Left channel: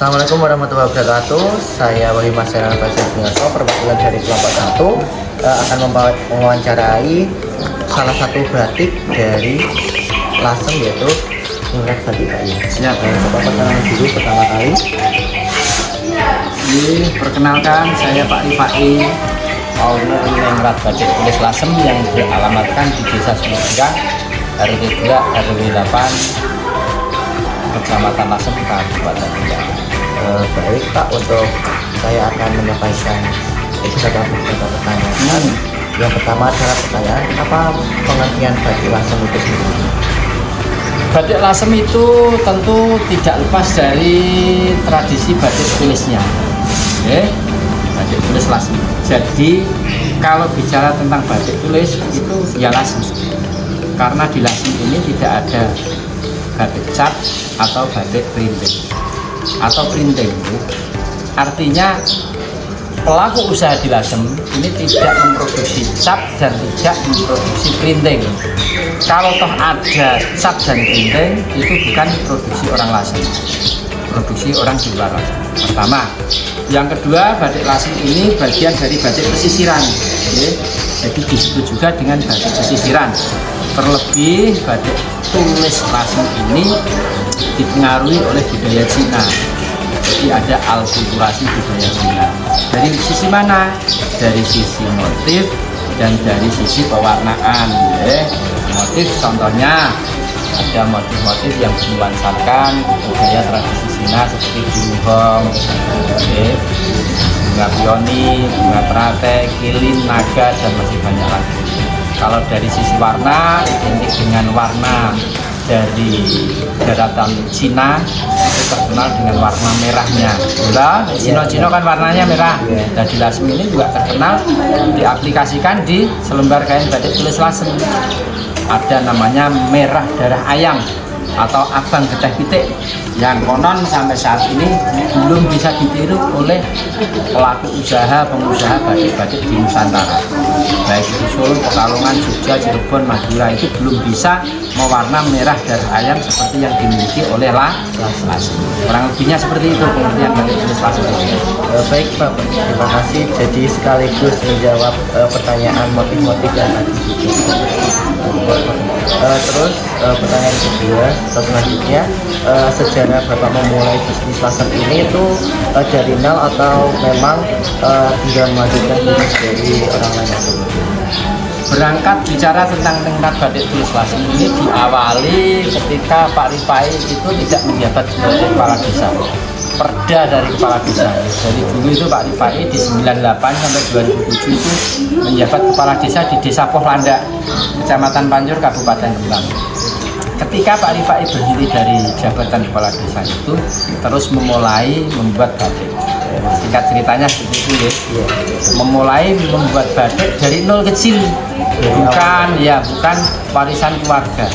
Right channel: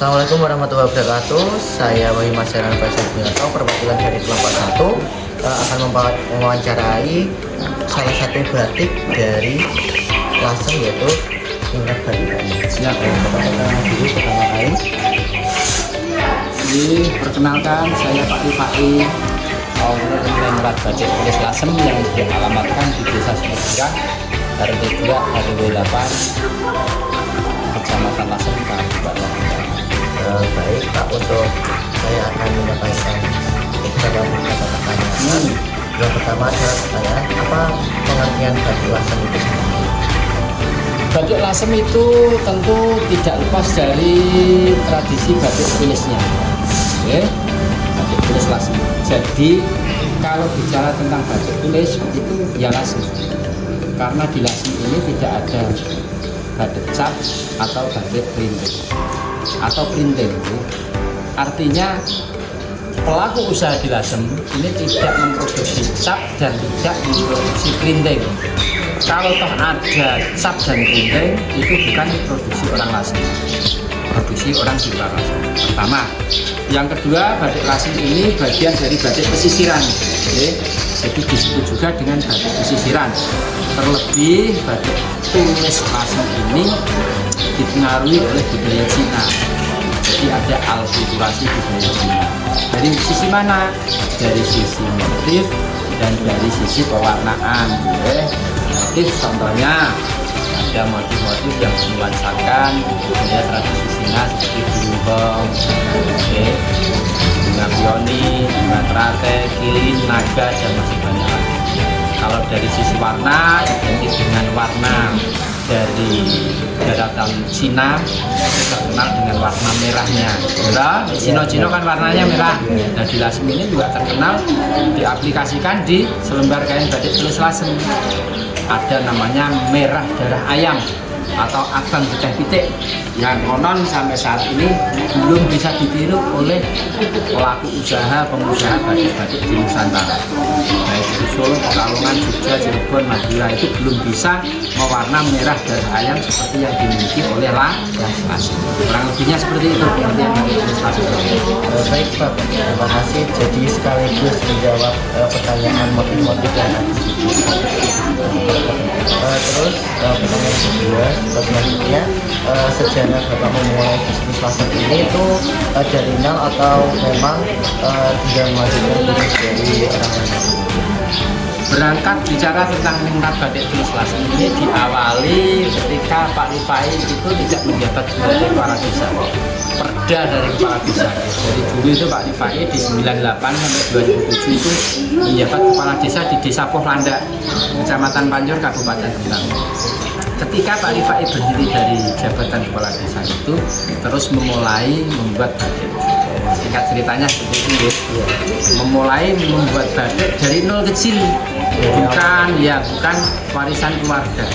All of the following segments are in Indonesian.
Assalamualaikum warahmatullahi wabarakatuh. Saya Wahyu Masyarakat Fashion Binoto, perwakilan dari kelompok 1 akan mewawancarai salah satu batik dari Lasem, yaitu Ningrat Batik Kayu. Siap. Bapak perkenalan dulu pertama kali. Perkenalkan, saya Pak Rifai, owner Ningrat Batik tulis Lasem yang dialamatkan di Desa Sumedra, RT 2 RW 8, Kecamatan Lasem, Kabupaten Kendal. Baik Pak, untuk saya akan menyampaikan beberapa pertanyaan. Yang pertama adalah pertanyaan, apa pengertian batik Lasem itu sendiri? Batik Lasem itu tentu tidak lepas dari tradisi batik tulisnya. Batik tulis Lasem. Jadi kalau bicara tentang batik tulis itu ya Lasem. Karena di Lasem ini tidak ada batik cap atau batik printing. Artinya pelaku usaha di Lasem ini tidak memproduksi cap dan tidak memproduksi printing. Kalau toh ada cap dan printing, itu bukan produksi orang Lasem, produksi orang di luar Lasem. Pertama. Yang kedua, batik Lasem ini bagian dari batik pesisiran. Jadi disebut juga dengan batik pesisiran. Terlebih batik tulis Lasem ini dipengaruhi oleh budaya Cina. Jadi ada alkulturasi budaya Cina. Dari sisi mana? Dari sisi motif dan dari sisi pewarnaan. Motif contohnya ada motif-motif yang menuansarkan budaya tradisi Cina seperti buhong, bunga pioni, bunga teratai, kilin, naga, dan masih banyak lagi. Kalau dari sisi warna, identik dengan warna dari daratan Cina, itu terkenal dengan warna merahnya. Cino kan warnanya merah. Dan di Lasem ini juga terkenal diaplikasikan di selembar kain batik tulis Lasem. Ada namanya merah darah ayam atau abang pecah pitik yang konon sampai saat ini belum bisa ditiru oleh pelaku usaha pengusaha batik-batik di Nusantara, baik itu Solo, Pekalongan, Jogja, Cirebon, Madura, itu belum bisa mewarna merah darah ayam seperti yang dimiliki oleh Lasem. Kurang lebihnya seperti itu pengertian batik tulis Lasem. Baik Pak, terima kasih. Jadi sekaligus menjawab pertanyaan motif-motif yang tadi disebut. Terus pertanyaan kedua atau selanjutnya, sejarah Bapak memulai bisnis Lasem ini itu dari nol atau memang tidak melanjutkan bisnis dari orang lain yang kemudian? Berangkat bicara tentang Ningrat Batik Tulis Lasem ini diawali ketika Pak Rifai itu tidak menjabat sebagai kepala desa, perda dari kepala desa. Jadi dulu itu Pak Rifai di 98 sampai 2007 itu menjabat kepala desa di Desa Pohlanda, Kecamatan Panjur, Kabupaten Kendal. Ketika Pak Rifai berhenti dari jabatan kepala desa itu, terus memulai membuat batik. Singkat ceritanya seperti itu ya. Memulai membuat batik dari nol kecil, bukan warisan keluarga.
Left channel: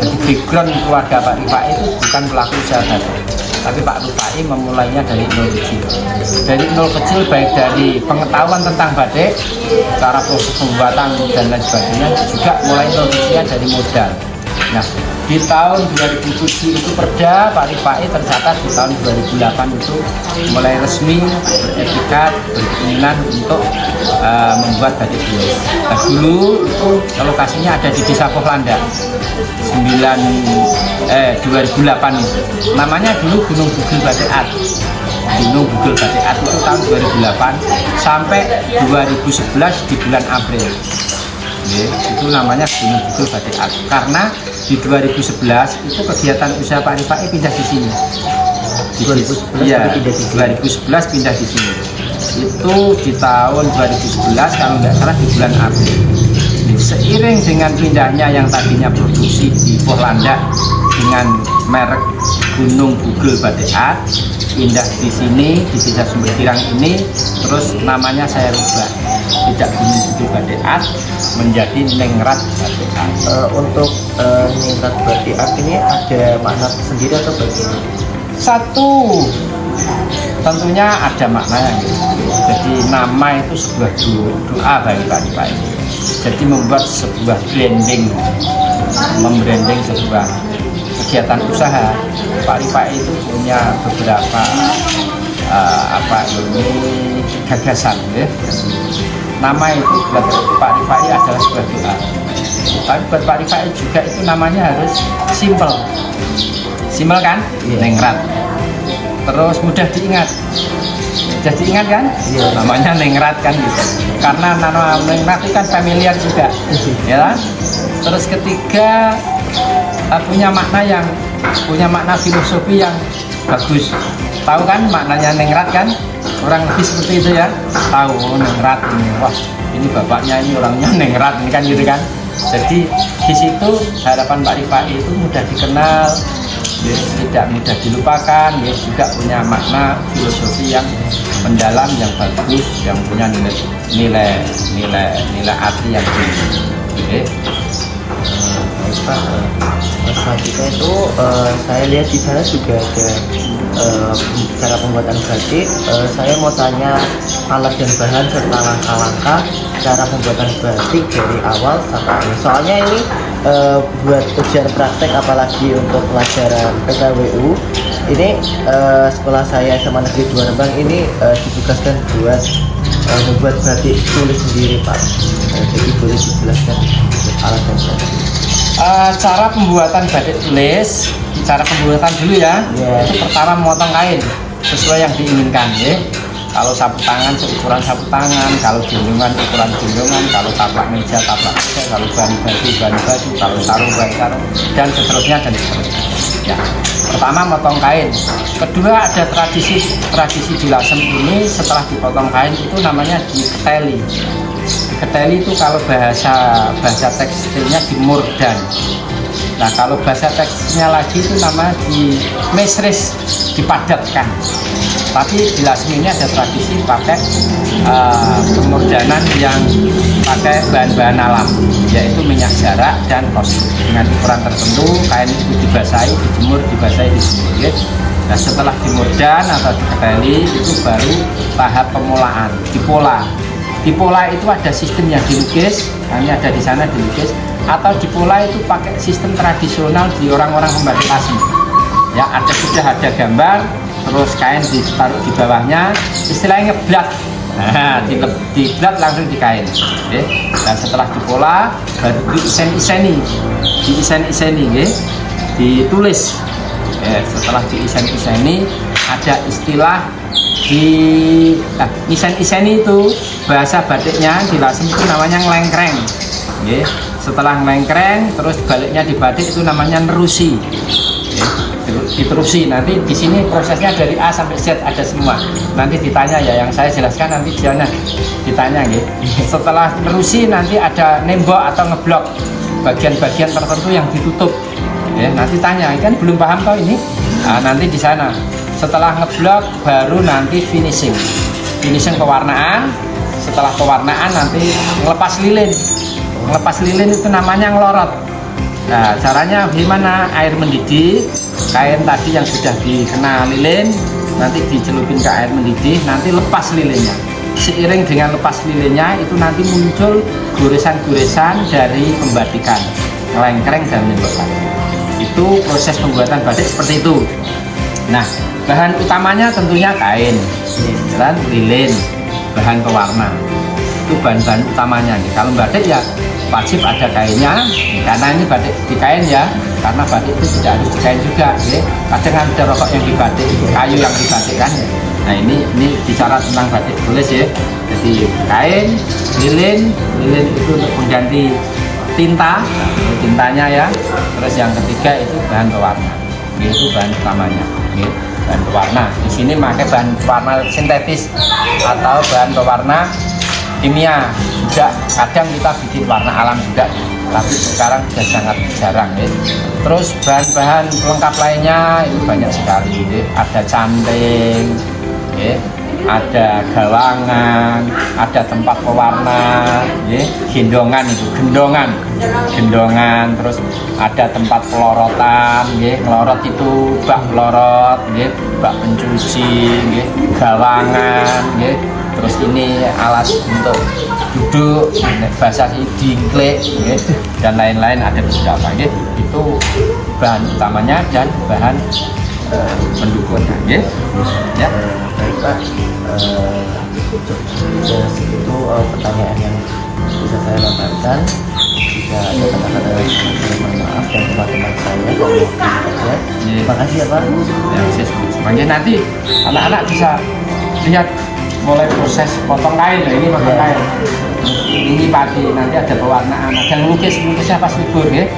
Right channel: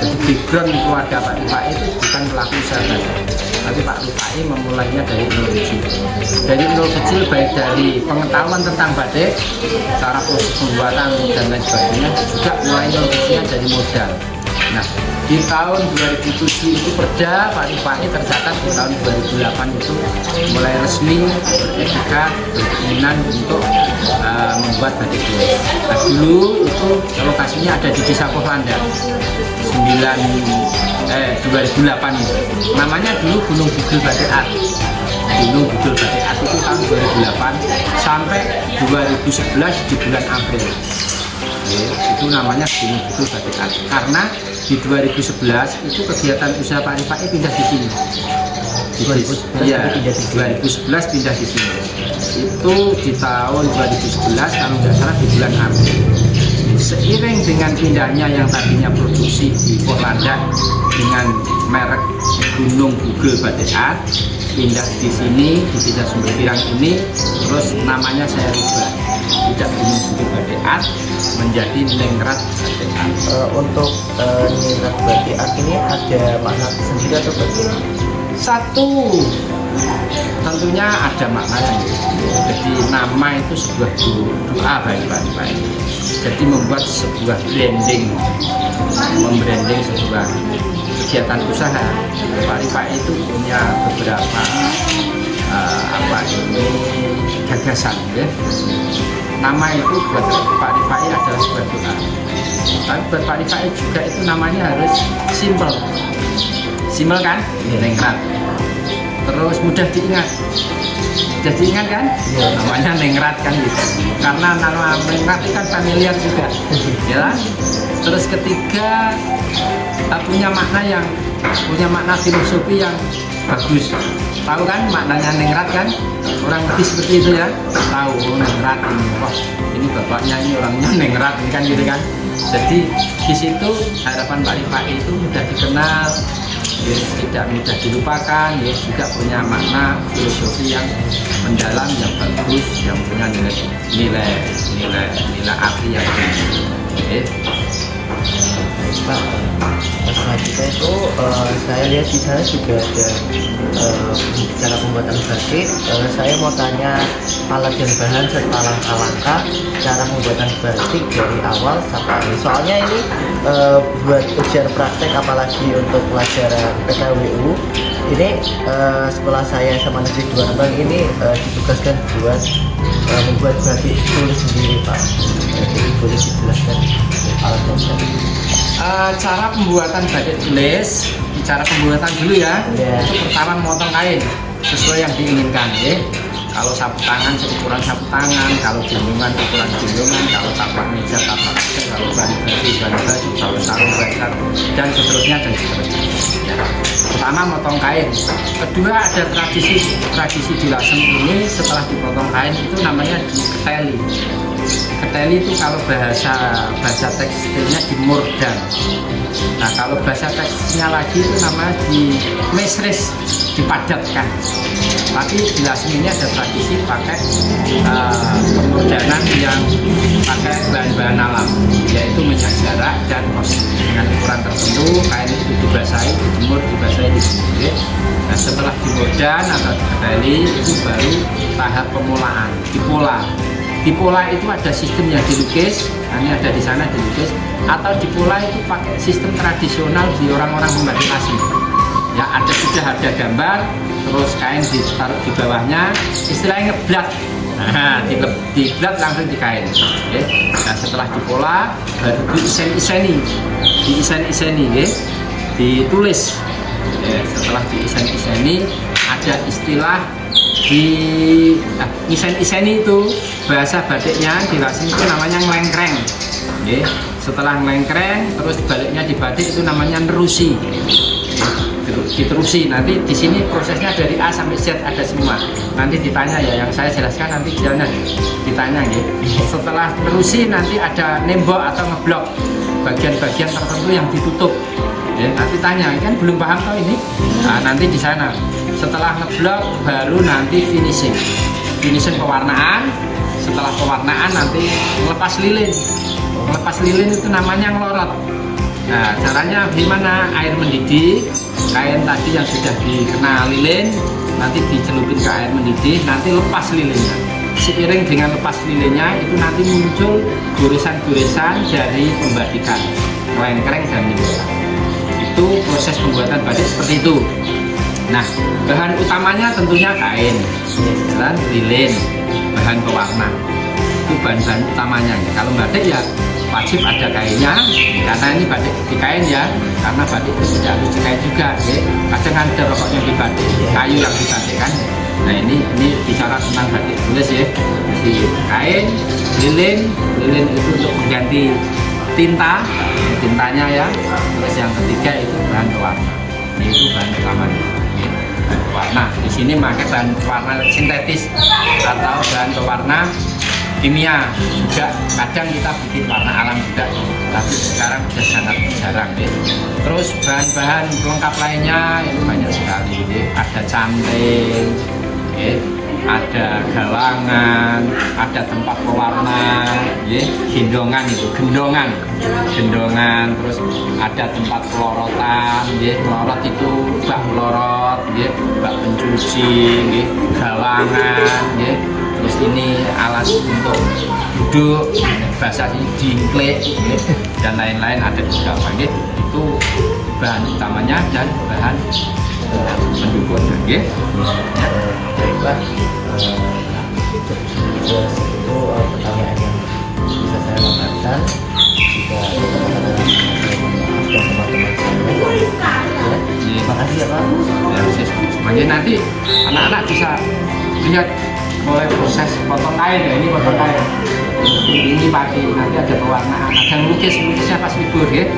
Jadi background keluarga Pak Rifai itu bukan pelaku usaha batik, tapi Pak Rifai memulainya dari nol kecil. Dari nol kecil baik dari pengetahuan tentang batik, cara proses pembuatan dan lain sebagainya, juga mulai nol kecilnya dari modal. Nah, di tahun 2007 itu perda Pak Rifai tercatat di tahun 2008 itu mulai resmi beretikat berkeinginan untuk membuat batik tulis. Nah, dulu itu lokasinya ada di Desa Pohlanda 2008 itu. Namanya dulu Gunung Bugel Batik Art. Gunung Bugel Batik Art itu tahun 2008 sampai 2011 di bulan April. Itu namanya Gunung Bugel Batik Art karena di 2011 itu kegiatan usaha Pak Rifai pindah di sini. 2011 pindah di sini. Itu di tahun 2011 kalau nggak salah di bulan April. Seiring dengan pindahnya yang tadinya produksi di Pohlanda dengan merek Gunung Bugel Batik Art, pindah di sini di Desa Sumberkirang ini, terus namanya saya rubah, tidak Gunung Bugel Batik Art menjadi Ningrat Batik Art. Untuk Ningrat Batik Art ini ada makna sendiri atau bagaimana? Satu, tentunya ada maknanya. Jadi nama itu sebuah doa bagi Pak Rifai. jadi membuat sebuah branding, membranding sebuah kegiatan usaha. Pak Rifai itu punya beberapa gagasan ya. Nama itu buat Pak Rifai adalah sebuah doa, tapi buat Pak Rifai juga itu namanya harus simple kan, Nengrat, terus mudah diingat kan, namanya Nengrat kan gitu, karena nama Nengrat itu kan familiar juga ya. Terus ketiga, punya makna filosofi yang bagus. Tahu kan maknanya Nengrat kan? Kurang lebih seperti itu ya. Tahu Nengrat ini. Wah, ini bapaknya ini orangnya Nengrat ini kan gitu kan. Jadi di situ harapan Pak Rifai itu mudah dikenal, ya, tidak mudah dilupakan, ya, juga punya makna filosofi yang mendalam, yang bagus, yang punya nilai arti yang tinggi. Okay. Baik Pak, selanjutnya itu saya lihat di sana juga ada cara pembuatan batik. Saya mau tanya alat dan bahan serta langkah-langkah cara pembuatan batik dari awal sampai akhir. Soalnya ini buat ujian praktek, apalagi untuk pelajaran PKWU ini, sekolah saya SMA Negeri 2 Rembang ini ditugaskan buat membuat batik tulis sendiri Pak. Jadi boleh dijelaskan alat dan bahan. Cara pembuatan batik tulis, cara pembuatan dulu ya. Itu pertama memotong kain sesuai yang diinginkan ya. Kalau sapu tangan seukuran sapu tangan, kalau gendongan ukuran gendongan, kalau taplak meja kalau baju, kalau sarung sarung, dan seterusnya. Ya. Pertama motong kain. Kedua ada tradisi di Lasem ini, setelah dipotong kain itu namanya diketeli. Diketeli itu kalau bahasa tekstilnya dimurdan. Nah kalau bahasa tekstilnya lagi itu namanya di mesris, dipadatkan. Tapi di Lasem ini ada tradisi pakai pemurdanan yang pakai bahan-bahan alam, yaitu minyak jarak dan kostum. Dengan ukuran tertentu, kain itu dibasahi, dijemur, ya. Nah setelah dimurdan atau diketeli itu baru tahap pemolaan, dipola. Dipola itu ada sistem yang dilukis, ini ada di sana dilukis, atau dipola itu pakai sistem tradisional di orang-orang pembatik Lasem. Ya sudah ada gambar, terus kain ditaruh di bawahnya, istilahnya ngeblat. Nah, diblat langsung di kain. Ya. Dan setelah dipola baru diisen-iseni, ya. Ditulis. Ya, setelah diisen-iseni ada istilah isen-iseni itu bahasa batiknya di Lasem itu namanya ngelengkreng. Ya. Setelah ngelengkreng terus baliknya di batik itu namanya nerusi. Ya. Diterusi, nanti di sini prosesnya dari A sampai Z ada semua. Nanti ditanya ya, yang saya jelaskan nanti jangan ditanya ya. Setelah nerusi nanti ada nembok atau ngeblok bagian-bagian tertentu yang ditutup. Ya, nanti tanya, kan belum paham toh ini? Nah, nanti di sana. Setelah ngeblok baru nanti finishing pewarnaan. Setelah pewarnaan nanti ngelepas lilin. Ngelepas lilin itu namanya ngelorot. Nah, caranya gimana? Air mendidih, kain tadi yang sudah dikena lilin nanti dicelupin ke air mendidih, nanti lepas lilinnya. Seiring dengan lepas lilinnya itu nanti muncul goresan-goresan dari pembatikan, ngelengkreng dan menyembuhkan. Itu proses pembuatan batik seperti itu. Nah, bahan utamanya tentunya kain dan lilin, bahan pewarna. Itu bahan-bahan utamanya. Kalau batik ya wajib ada kainnya, karena ini batik di kain ya, karena batik itu tidak harus di kain juga ya. Kadang ada rokok yang dibatik, kayu yang dibatik kan. Nah ini bicara tentang batik tulis ya. Jadi kain, lilin itu untuk mengganti tintanya ya. Terus yang ketiga itu bahan pewarna, yaitu bahan utamanya ya. Bahan pewarna di sini pakai bahan pewarna sintetis atau bahan pewarna kimia juga. Kadang kita bikin warna alam juga, tapi sekarang sudah sangat jarang ya. Terus bahan-bahan pelengkap lainnya itu banyak sekali ya. Ada canting ya. ada gawangan, ada tempat pewarna, ya, gendongan itu, gendongan, terus ada tempat pelorotan, ya, melorot itu bak pelorot, ya, bak pencuci, ya, gawangan, ya, terus ini alat untuk duduk, bahasa sih dingklik, ya, dan lain-lain ada beberapa, ya, itu bahan utamanya dan bahan pendukungnya, ya. Ya. Baik Pak, itu pertanyaan yang bisa saya lontarkan. Jika ada kesempatan saya mohon maaf dan teman-teman saya. Terima kasih ya Pak. Ya, semuanya nanti anak-anak bisa lihat mulai proses potong kain. Nah, ini potong kain. Ini pagi nanti ada pewarnaan, ada lukisnya pas libur, ya.